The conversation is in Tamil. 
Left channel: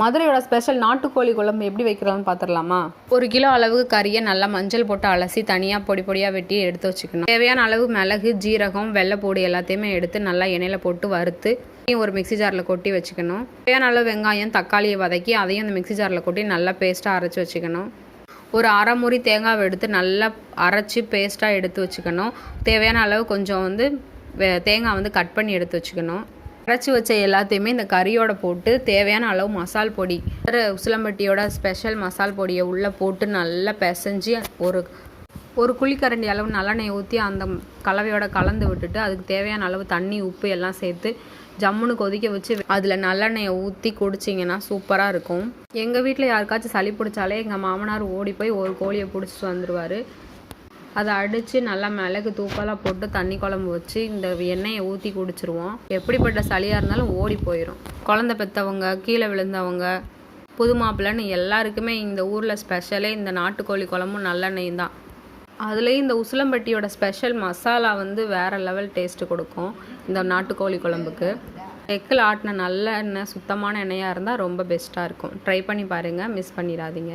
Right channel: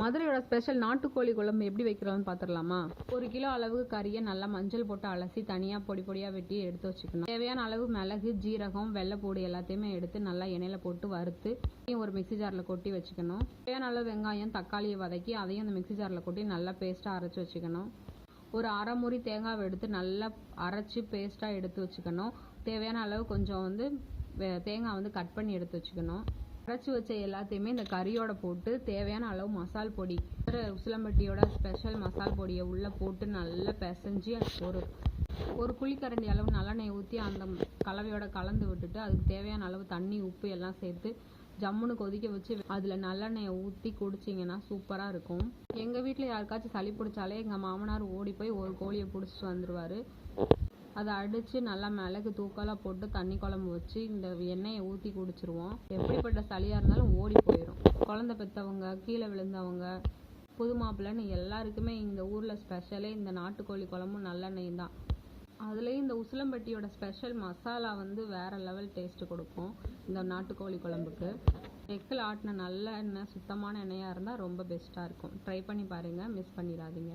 மதுரையோட ஸ்பெஷல் நாட்டுக்கோழி குழம்பு எப்படி வைக்கிறோம்னு பார்த்துடலாமா? 1 கிலோ அளவுக்கு கறியை நல்லா மஞ்சள் போட்டு அலசி தனியாக பொடி பொடியாக வெட்டி எடுத்து வச்சுக்கணும். தேவையான அளவு மிளகு, ஜீரகம், வெள்ளைப்பூடி எல்லாத்தையுமே எடுத்து நல்லா எண்ணெயில் போட்டு வறுத்து ஒரு மிக்ஸி ஜாரில் கொட்டி வச்சுக்கணும். தேவையான அளவு வெங்காயம், தக்காளியை வதக்கி அதையும் அந்த மிக்ஸி ஜாரில் கொட்டி நல்லா பேஸ்ட்டாக அரைச்சி வச்சுக்கணும். ஒரு அரை மூடி தேங்காவை எடுத்து நல்லா அரைச்சி பேஸ்ட்டாக எடுத்து வச்சுக்கணும். தேவையான அளவு கொஞ்சம் தேங்காய் கட் பண்ணி எடுத்து வச்சுக்கணும். அரைச்சி வச்ச எல்லாத்தையுமே இந்த கறியோட போட்டு தேவையான அளவு மசால் பொடி, உசிலம்பட்டியோட ஸ்பெஷல் மசால் பொடியை உள்ளே போட்டு நல்லா பிசைஞ்சு ஒரு குழிக்கரண்டி அளவு நல்லெண்ணெய் ஊற்றி அந்த கலவையோட கலந்து விட்டுட்டு அதுக்கு தேவையான அளவு தண்ணி, உப்பு எல்லாம் சேர்த்து ஜம்முன்னு கொதிக்க வச்சு அதில் நல்லெண்ணெயை ஊற்றி குடிச்சிங்கன்னா சூப்பராக இருக்கும். எங்கள் வீட்டில் யாருக்காச்சும் சளி பிடிச்சாலே எங்கள் மாமனார் ஓடி போய் ஒரு கோழியை பிடிச்சிட்டு வந்துடுவார். அதை அடித்து நல்லா மிளகு தூக்கலாக போட்டு தண்ணி குழம்பு வச்சு இந்த எண்ணெயை ஊற்றி குடிச்சிருவோம். எப்படிப்பட்ட சளியாக இருந்தாலும் ஓடி போயிடும். குழந்தை பெற்றவங்க, கீழே விழுந்தவங்க, புது மாப்பிள்ளைன்னு எல்லாருக்குமே இந்த ஊரில் ஸ்பெஷலே இந்த நாட்டுக்கோழி குழம்பும் நல்லெண்ணெயும் தான். அதுலேயும் இந்த உசிலம்பட்டியோட ஸ்பெஷல் மசாலா வேறு லெவல் டேஸ்ட்டு கொடுக்கும் இந்த நாட்டுக்கோழி குழம்புக்கு. எக்கில் ஆட்டின நல்ல எண்ணெய், சுத்தமான எண்ணெயாக இருந்தால் ரொம்ப பெஸ்ட்டாக இருக்கும். ட்ரை பண்ணி பாருங்கள், மிஸ் பண்ணிடாதீங்க.